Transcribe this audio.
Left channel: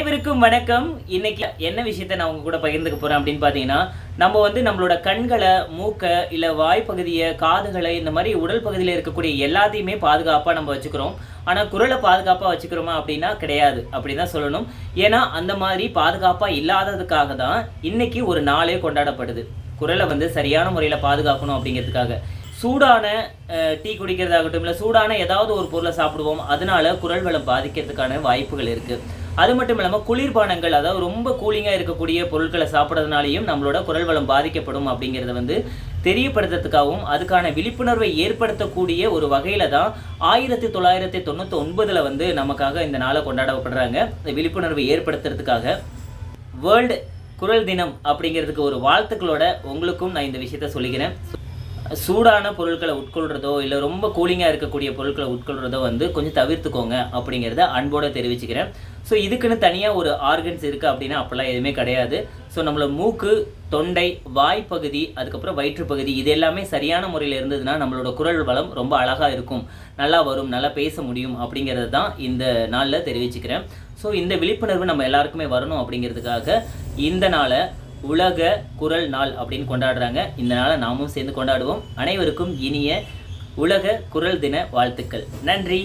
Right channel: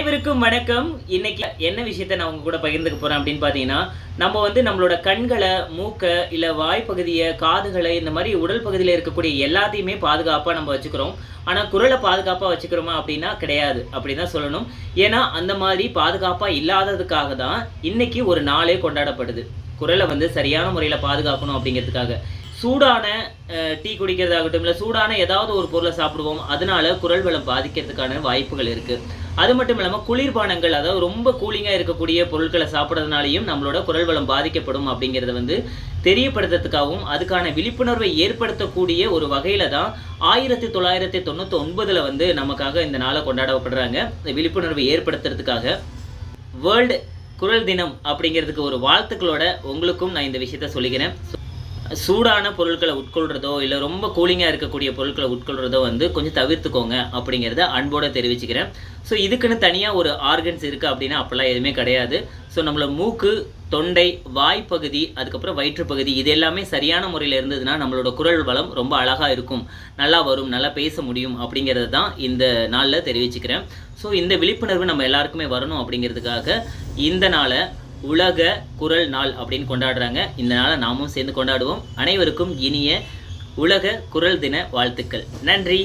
அனைவருக்கும் வணக்கம். இன்னைக்கு என்ன விஷயத்தை நான் உங்க கூட பகிர்ந்துக்க போறேன் அப்படின்னு பார்த்தீங்கன்னா, நம்ம நம்மளோட கண்களை, மூக்க, இல்ல வாய் பகுதியை, காதுகளை, இந்த மாதிரி உடல் பகுதியில் இருக்கக்கூடிய எல்லாத்தையுமே பாதுகாப்பாக நம்ம வச்சுக்கிறோம். ஆனால் குரலை பாதுகாப்பாக வச்சுக்கிறோமா அப்படின்னா கிடையாது அப்படின்னு தான் சொல்லணும். ஏன்னா அந்த மாதிரி பாதுகாப்பாக இல்லாததுக்காக தான் இன்னைக்கு ஒரு நாளே கொண்டாடப்படுது. குரலை சரியான முறையில் பாதுகாக்கணும் அப்படிங்கிறதுக்காக. சூடான டீ குடிக்கிறதாகட்டும், இல்லை சூடான ஏதாவது ஒரு பொருளை சாப்பிடுவோம், அதனால குரல் வளம் பாதிக்கிறதுக்கான வாய்ப்புகள் இருக்குது. அது மட்டும் இல்லாமல் குளிர்பானங்கள், அதாவது ரொம்ப கூலிங்காக இருக்கக்கூடிய பொருட்களை சாப்பிட்றதுனாலையும் நம்மளோட குரல் வளம் பாதிக்கப்படும் அப்படிங்கிறத தெரியப்படுத்துறதுக்காகவும் அதுக்கான விழிப்புணர்வை ஏற்படுத்தக்கூடிய ஒரு வகையில் தான் 1999 நமக்காக இந்த நாளை கொண்டாடப்படுறாங்க. விழிப்புணர்வை ஏற்படுத்துறதுக்காக வேர்ல்டு குரல் தினம் அப்படிங்கிறதுக்கு ஒரு வாழ்த்துக்களோட உங்களுக்கும் நான் இந்த விஷயத்த சொல்லிக்கிறேன். சூடான பொருட்களை உட்கொள்கிறதோ இல்லை ரொம்ப கூலிங்காக இருக்கக்கூடிய பொருட்களை உட்கொள்கிறதோ கொஞ்சம் தவிர்த்துக்கோங்க அப்படிங்கிறத அன்போடு தெரிவிச்சுக்கிறேன். ஸோ இதுக்குன்னு தனியாக ஒரு ஆர்கன்ஸ் இருக்குது அப்படின்னா அப்போல்லாம் எதுவுமே கிடையாது. ஸோ நம்மளோட மூக்கு, தொண்டை, வாய்ப்பகுதி, அதுக்கப்புறம் வயிற்றுப்பகுதி, இது எல்லாமே சரியான முறையில் இருந்ததுன்னா நம்மளோட குரல் வளம் ரொம்ப அழகாக இருக்கும், நல்லா வரும், நல்லா பேச முடியும் அப்படிங்கிறது தான் இந்த நாளில் தெரிவிச்சுக்கிறேன். ஸோ இந்த விழிப்புணர்வு நம்ம எல்லாருக்குமே வரணும் அப்படிங்கிறதுக்காக இந்த நாளை உலக குரல் நாள் அப்படின்னு கொண்டாடுறாங்க. இந்த நாளை நாமும் சேர்ந்து கொண்டாடுவோம். அனைவருக்கும் இனிய உலக குரல் தின வாழ்த்துக்கள். நன்றி.